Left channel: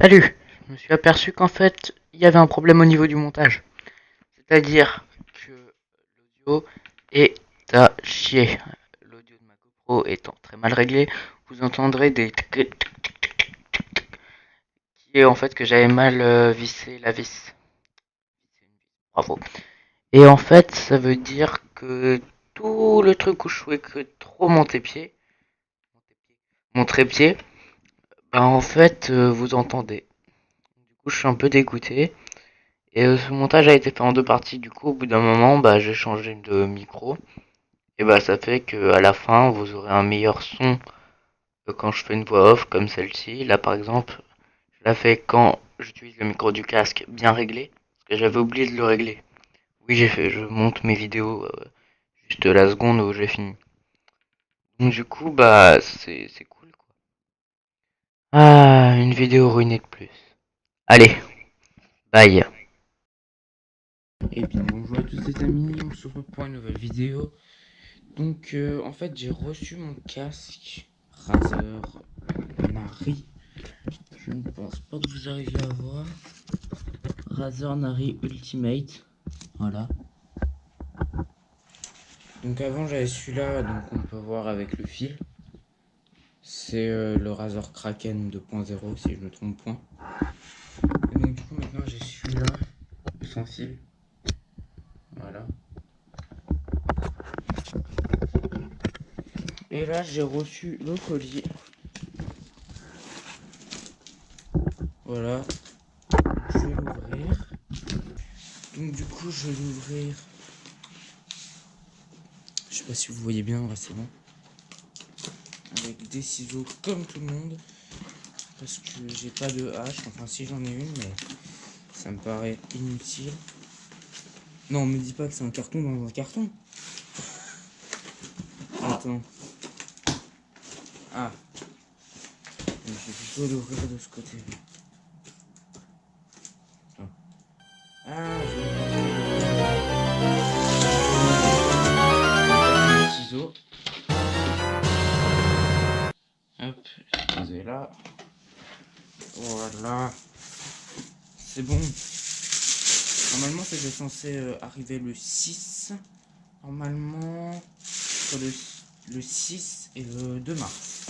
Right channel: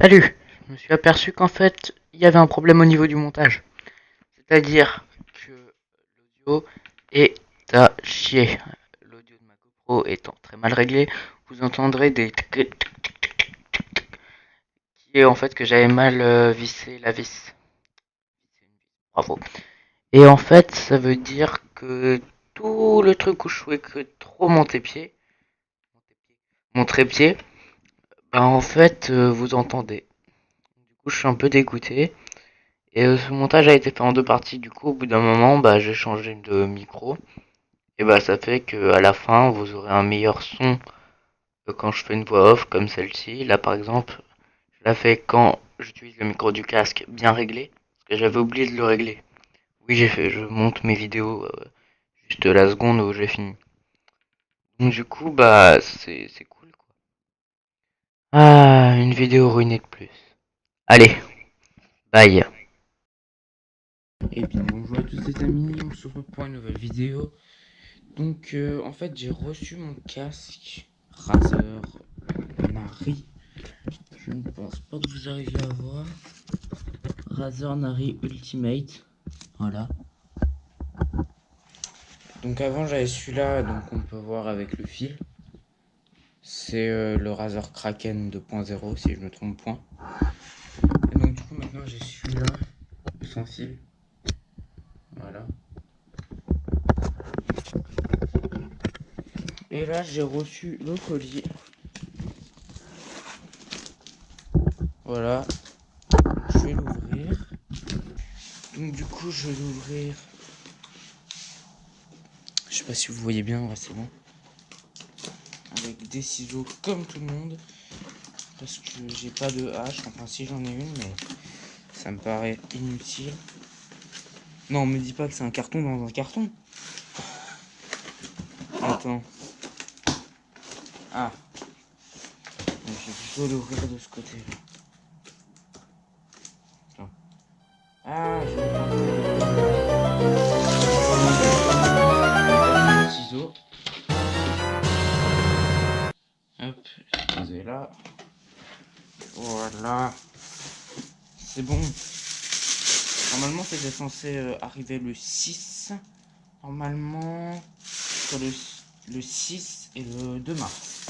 Salut! Je me suis aperçu qu'en fait, il y avait un problème au niveau du montage. C'est-à-dire que l'audio est à chier. L'audio de ma GoPro étant très mal réglé, vous entendrez des tic tic tic tic qui est en fait que j'avais mal vissé la vis. Bravo. Et en fait, ça veut dire que tout le truc où je jouais que trop mon trépied, bah en fait, vous entendez. Du coup, je suis un peu dégoûté. Et ce montage a été fait en deux parties. Du coup, au bout d'un moment, bah, j'ai changé de micro. Et bah, ça fait que à la fin, vous aurez un meilleur son que quand je fais une voix off comme celle-ci. Là, par exemple, je la fais quand j'utilise le micro du casque bien réglé, parce que j'avais oublié de le régler. Oui, je monte mes vidéos juste la seconde où j'ai fini. Donc du coup, bah, c'est cool quoi. Ah, une vidéo ruinée de plus. Allez, bye. Et bien bonjour à tous les amis, on se retrouve pour une nouvelle vidéo. Donc en fait j'ai reçu mon casque Razer Nari. Je ne pense pas que vous arriviez à voir. Razer Nari Ultimate. Voilà. Donc avant j'avais celui-là, donc on peut voir avec le fil. C'est le Razer Kraken 2.0 si je me trompe point. Et donc du coup maintenant j'ai celui-là sans fil. Voilà. Et là j'ai reçu le colis. Voilà. Donc, je vais l'ouvrir. Donc du coup je vais l'ouvrir. Je sais pas si vous voyez bien, ouais, c'est bon. Avec des ciseaux comme tout le monde. Parce que j'ai pas de hache. Enfin si j'en ai une, mais ça me paraît inutile. Non, me dis pas que c'est un carton dans un carton. Attends. Ah. Donc, je vais plutôt l'ouvrir de ce côté-là. Attends. Ah, je vais prendre le ciseau. Hop, posé là. Voilà. C'est bon. Normalement, c'était censé arriver le 6. Normalement, sur le 6 et le 2 mars.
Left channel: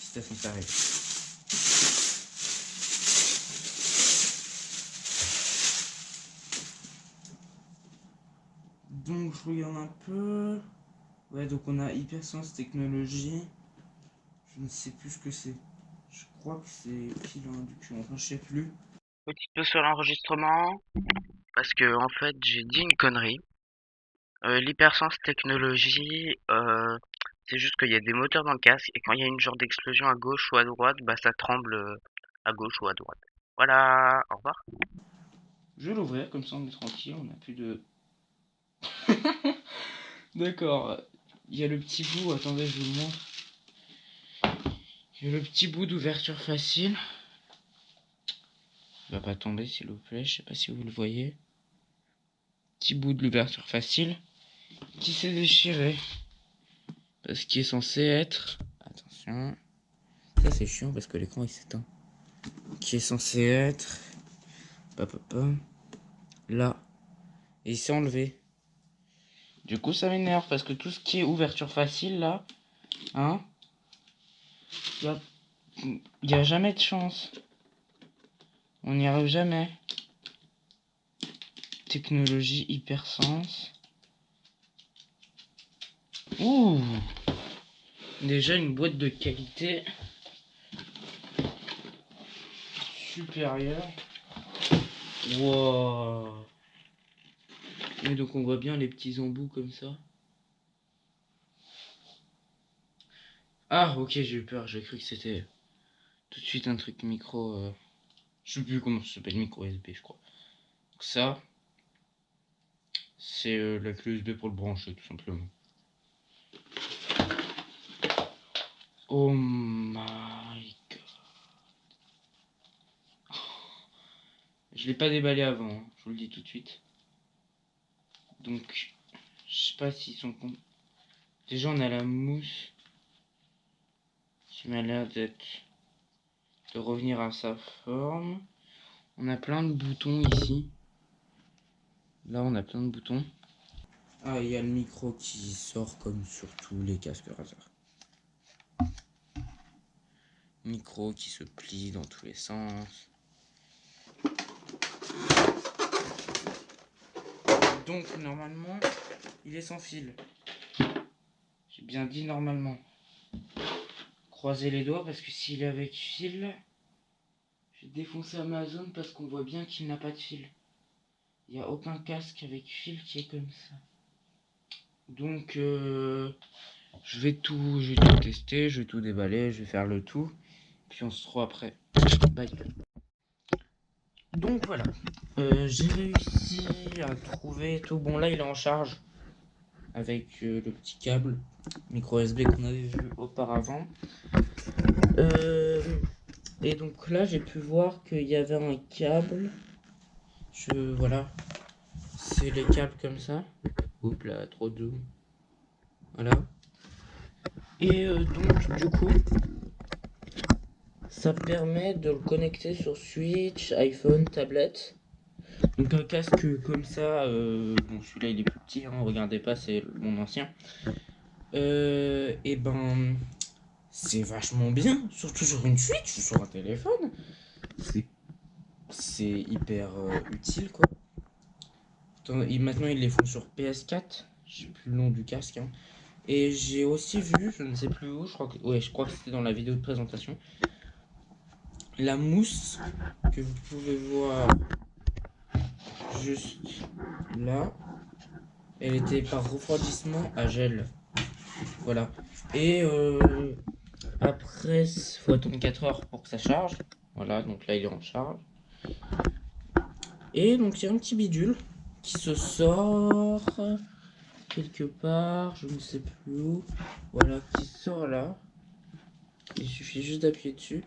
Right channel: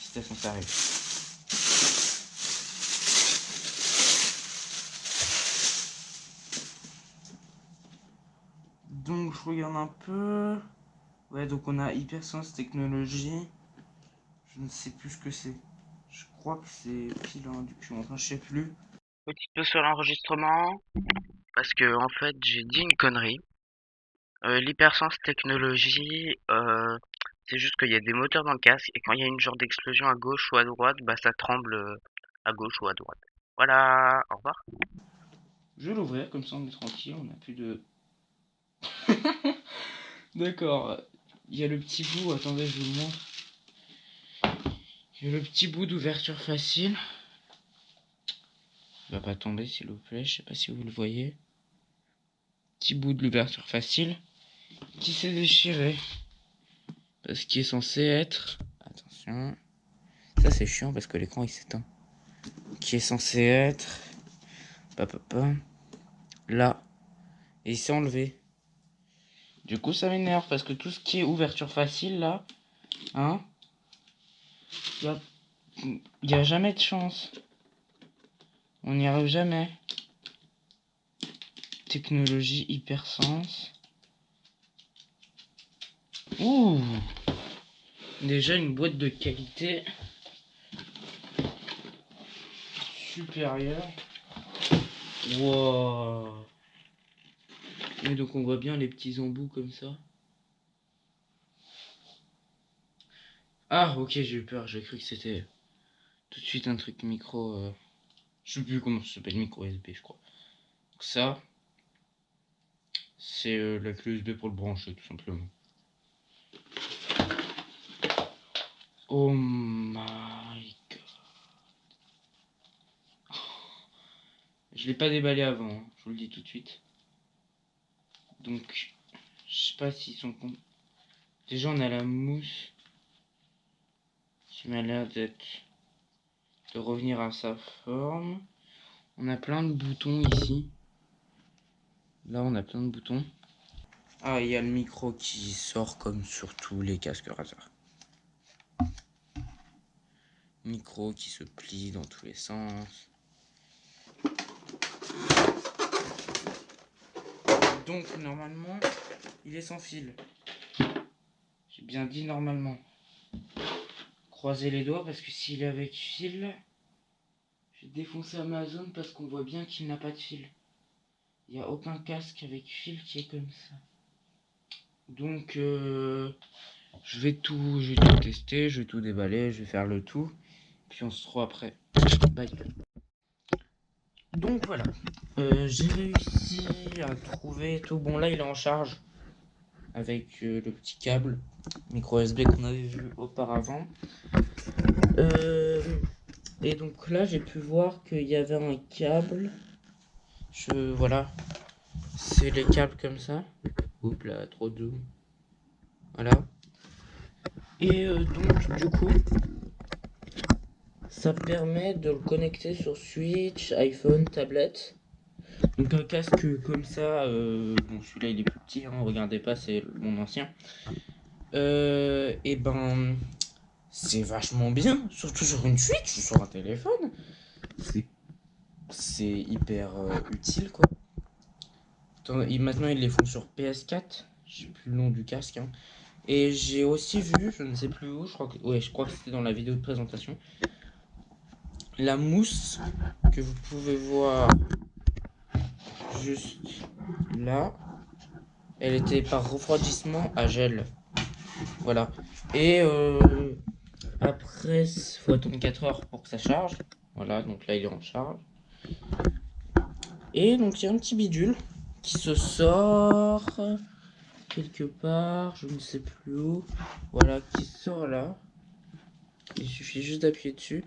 C'était censé arriver. Donc, je regarde un peu. Ouais, donc on a Hypersense Technologies. Je ne sais plus ce que c'est. Je crois que c'est pile à induction. Enfin, je sais plus. Petit peu sur l'enregistrement, parce que en fait j'ai dit une connerie. L'hypersense technologie, c'est juste qu'il y a des moteurs dans le casque et quand il y a une genre d'explosion à gauche ou à droite, bah ça tremble à gauche ou à droite. Voilà, au revoir. Je vais l'ouvrir, comme ça on est tranquille. On a plus de. D'accord. Il y a le petit bout. Attendez, je vous le montre. Il y a le petit bout d'ouverture facile. Il va pas tomber, s'il vous plaît. Je sais pas si vous le voyez. Petit bout de l'ouverture facile qui s'est déchiré. Parce qu'il est censé être. Attention. Ça, c'est chiant parce que l'écran il s'éteint. Qui est censé être. Papa. Là. Et il s'est enlevé. Du coup, ça m'énerve parce que tout ce qui est ouverture facile là, hein, y a jamais de chance. On n'y arrive jamais. Technologie hypersense. Ouh, déjà une boîte de qualité supérieure. Wow. Et donc on voit bien les petits embouts comme ça. Ah, ok, j'ai eu peur. J'ai cru que c'était tout de suite un truc micro. Je sais plus comment ça s'appelle, micro USB, je crois. Donc ça, c'est la clé USB pour le brancher, tout simplement. Oh my god. Je l'ai pas déballé avant, hein, je vous le dis tout de suite. Donc, je sais pas s'ils sont... Déjà, on a la mousse qui m'a l'air d'être de revenir à sa forme. On a plein de boutons ici. Là, on a plein de boutons. Ah, il y a le micro qui sort comme sur tous les casques Razer. Micro qui se plie dans tous les sens. Donc, normalement, il est sans fil. J'ai bien dit normalement. Croisez les doigts parce que s'il est avec fil, je vais défoncer Amazon parce qu'on voit bien qu'il n'a pas de fil. Il n'y a aucun casque avec fil qui est comme ça. Donc, je vais tout tester, je vais tout déballer, je vais faire le tout. Puis on se retrouve après. Bye. Donc voilà, j'ai réussi à trouver tout. Bon là il est en charge avec le petit câble micro USB qu'on avait vu auparavant. Et donc là j'ai pu voir qu'il y avait un câble. Voilà, c'est les câbles comme ça. Oups là, trop de zoom. Voilà. Et donc du coup, ça permet de le connecter sur Switch, iPhone, tablette. Donc un casque comme ça, bon celui-là il est plus petit, hein, regardez pas, c'est mon ancien. Et ben c'est vachement bien, surtout sur une Switch ou sur un téléphone. C'est hyper utile quoi. Maintenant ils les font sur PS4, je sais plus le nom du casque. Hein. Et j'ai aussi vu, je ne sais plus où, je crois que c'était dans la vidéo de présentation, la mousse que vous pouvez voir juste là, elle était par refroidissement à gel. Voilà. Et après, il faut attendre 4 heures pour que ça charge. Voilà, donc là il est en charge. Et donc il y a un petit bidule qui se sort quelque part, je ne sais plus où. Voilà, qui sort là. Il suffit juste d'appuyer dessus.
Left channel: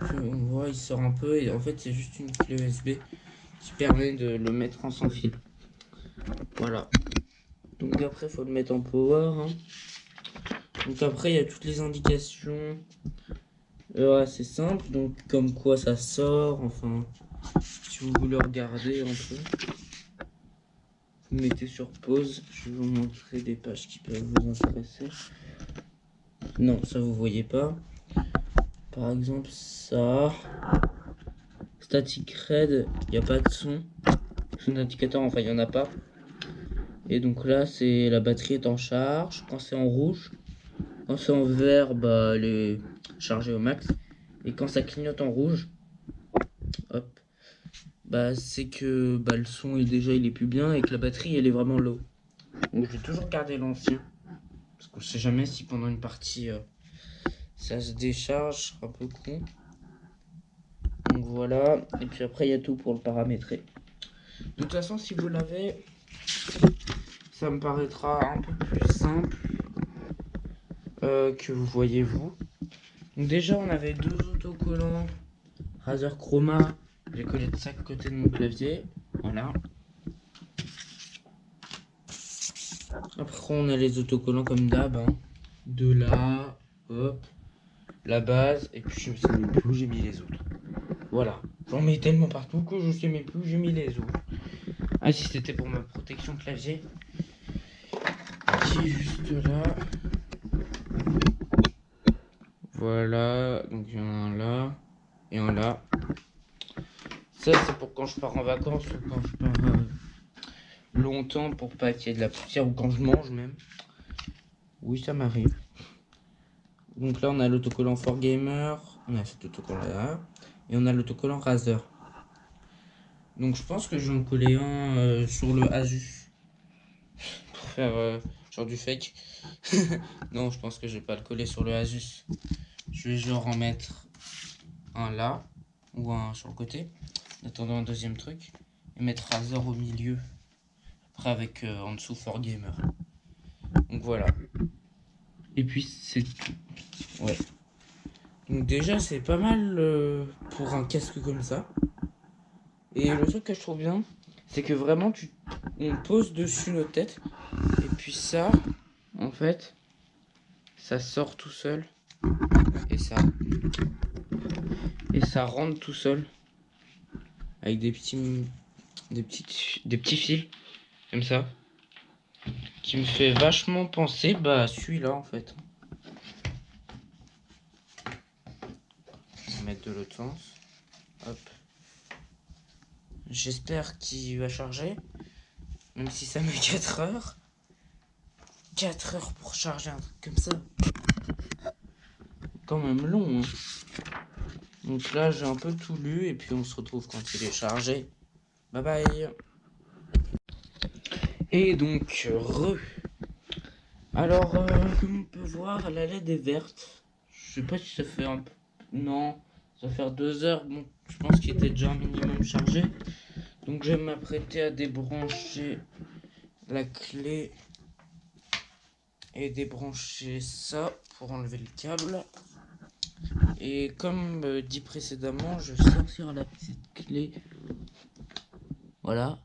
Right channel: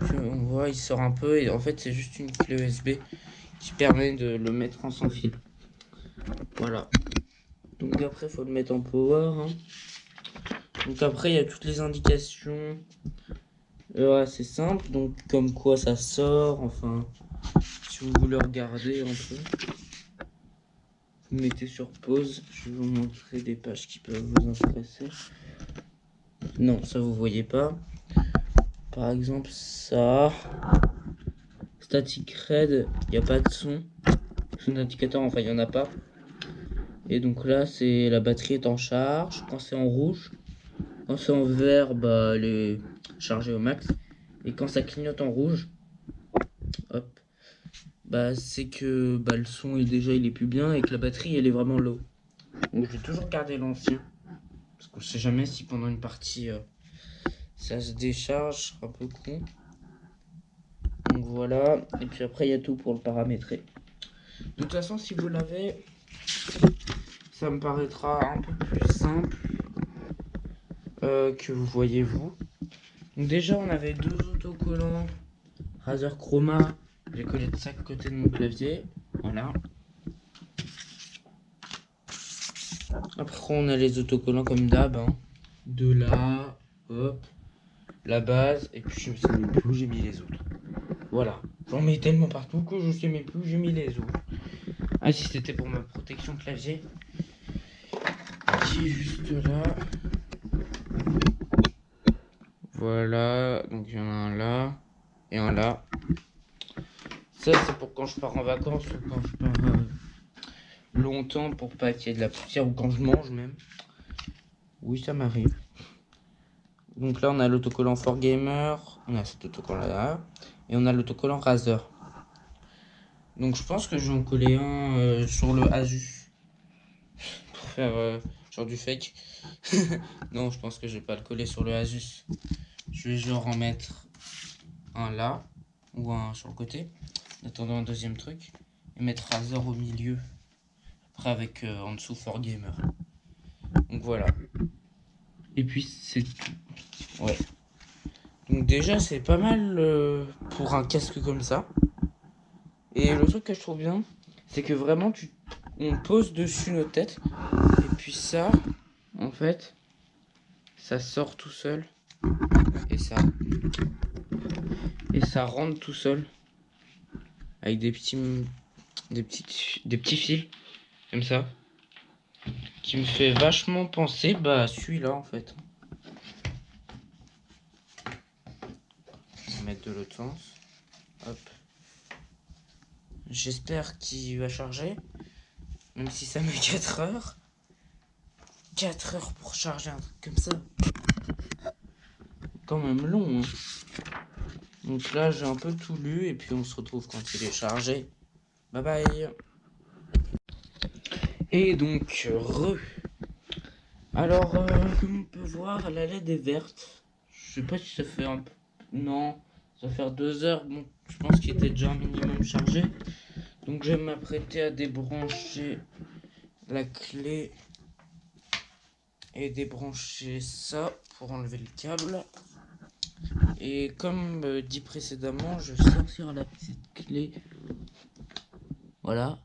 Puis on voit, il sort un peu. Et en fait, c'est juste une clé USB qui permet de le mettre en sans fil. Voilà. Donc après, il faut le mettre en power. Hein. Donc après, il y a toutes les indications. C'est simple. Donc comme quoi ça sort. Enfin, si vous voulez regarder un peu, vous mettez sur pause. Je vais vous montrer des pages qui peuvent vous intéresser. Non, ça vous voyez pas. Par exemple, ça. Static Red, il n'y a pas de son. Son indicateur, enfin, il n'y en a pas. Et donc là, c'est la batterie est en charge. Quand c'est en rouge, quand c'est en vert, bah, elle est chargée au max. Et quand ça clignote en rouge, hop, bah, c'est que bah, le son est déjà il est plus bien et que la batterie elle est vraiment low. Donc je vais toujours garder l'ancien. Parce qu'on sait jamais si pendant une partie ça se décharge, un peu con. Donc voilà. Et puis après, il y a tout pour le paramétrer. De toute façon, si vous l'avez, ça me paraîtra un peu plus simple que vous voyez vous. Donc déjà, on avait deux autocollants Razer Chroma. J'ai collé de chaque côté de mon clavier. Voilà. Après, on a les autocollants comme d'hab. Hein. De là, hop, la base. Et puis, je ne sais même plus où j'ai mis les autres. Voilà. J'en mets tellement partout que je ne sais même plus où j'ai mis les autres. Ah, si c'était pour ma protection clavier. Qui est juste là. Voilà. Donc, il y en a un là. Et un là. Ça, c'est pour quand je pars en vacances ou quand je pars longtemps pour pas qu'il y ait de la poussière ou quand je mange même. Oui, ça m'arrive. Donc là, on a l'autocollant 4Gamer. On a cet autocollant là. Et on a l'autocollant Razer. Donc je pense que je vais en coller un sur le Asus. Pour faire genre du fake. Non, je pense que je vais pas le coller sur le Asus. Je vais genre en mettre un là. Ou un sur le côté. En attendant un deuxième truc. Et mettre Razer au milieu. Après avec en dessous 4Gamer. Donc voilà. Et puis c'est tout. Ouais. Donc déjà c'est pas mal pour un casque comme ça. Et le truc que je trouve bien, c'est que vraiment on pose dessus nos têtes. Et puis ça, en fait, ça sort tout seul. Et ça. et ça rentre tout seul avec des petits fils comme ça qui me fait vachement penser à celui-là en fait. On va mettre de l'autre sens. Hop. J'espère qu'il va charger, même si ça met 4 heures. 4 heures pour charger un truc comme ça. Quand même long. Hein. Donc là, j'ai un peu tout lu et puis on se retrouve quand il est chargé. Bye bye. Et donc, Alors, comme on peut voir, la LED est verte. Je sais pas si ça fait un peu... Non, ça va faire 2 heures. Bon, je pense qu'il était déjà un minimum chargé. Donc je vais m'apprêter à débrancher la clé et débrancher ça pour enlever le câble. Et comme dit précédemment, je vais sortir la petite clé. Voilà,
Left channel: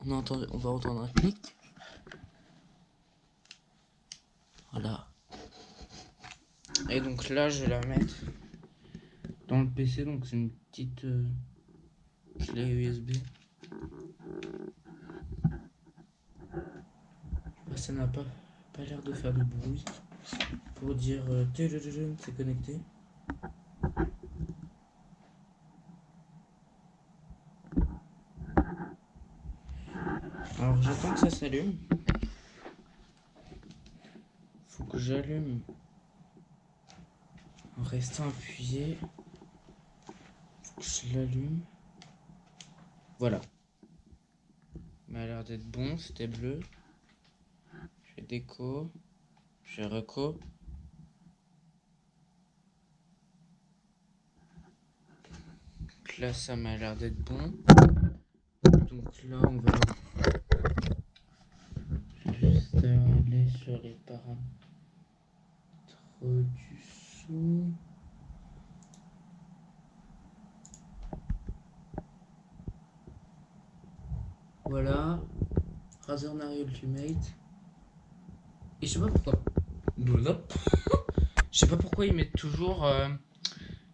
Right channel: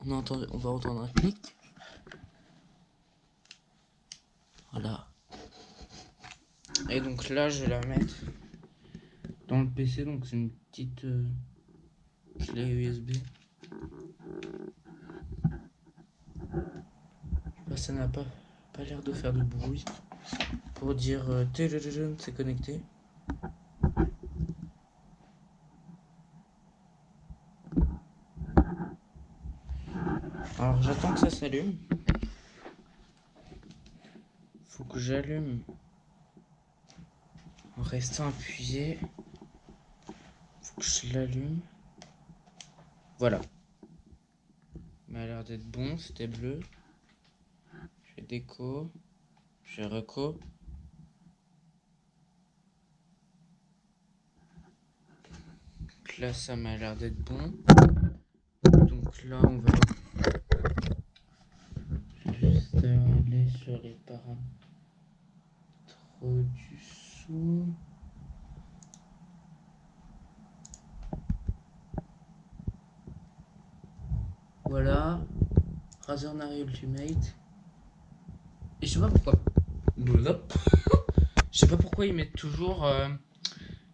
on va entendre un clic. Voilà. Et donc là, je vais la mettre dans le PC. Donc c'est une petite clé USB. Ça n'a pas l'air de faire de bruit pour dire c'est connecté. Alors j'attends que ça s'allume. Faut que j'allume en restant appuyé. Faut que je l'allume. Voilà. Il m'a l'air d'être bon, c'était bleu. Je fais déco. Je fais reco. Donc là ça m'a l'air d'être bon. Donc là on va juste aller sur les paramètres du son. Voilà. Razer Nari Ultimate. Et je sais pas pourquoi. Je sais pas pourquoi ils mettent toujours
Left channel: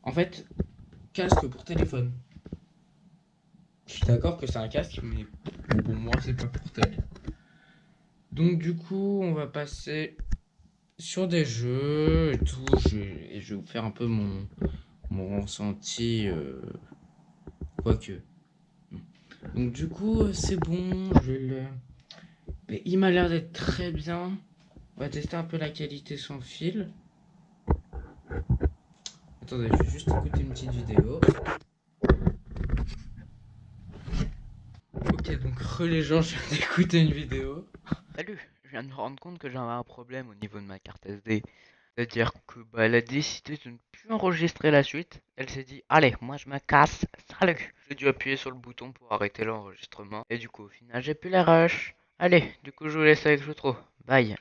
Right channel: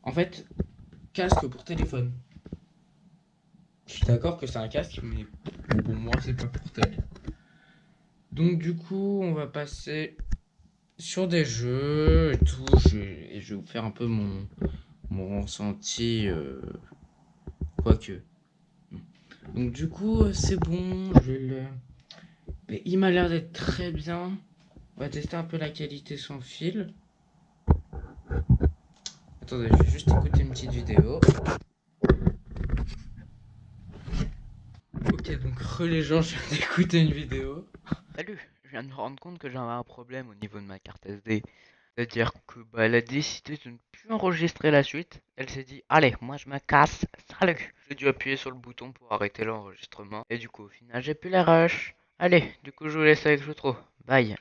en fait casque pour téléphone. Je suis d'accord que c'est un casque, mais pour moi c'est pas pour télé. Donc du coup on va passer sur des jeux et tout. Et je vais vous faire un peu mon ressenti quoique. Donc du coup c'est bon. Mais il m'a l'air d'être très bien. On va tester un peu la qualité sans fil. Attendez, je vais juste écouter une petite vidéo. Ok, donc les gens, je viens d'écouter une vidéo. Salut, je viens de me rendre compte que j'avais un problème au niveau de ma carte SD. C'est-à-dire que elle a décidé de ne plus enregistrer la suite. Elle s'est dit, allez, moi je me casse, salut. J'ai dû appuyer sur le bouton pour arrêter l'enregistrement. Et du coup, au final, j'ai plus la rush. Allez, du coup, je vous laisse avec l'outro. Bye.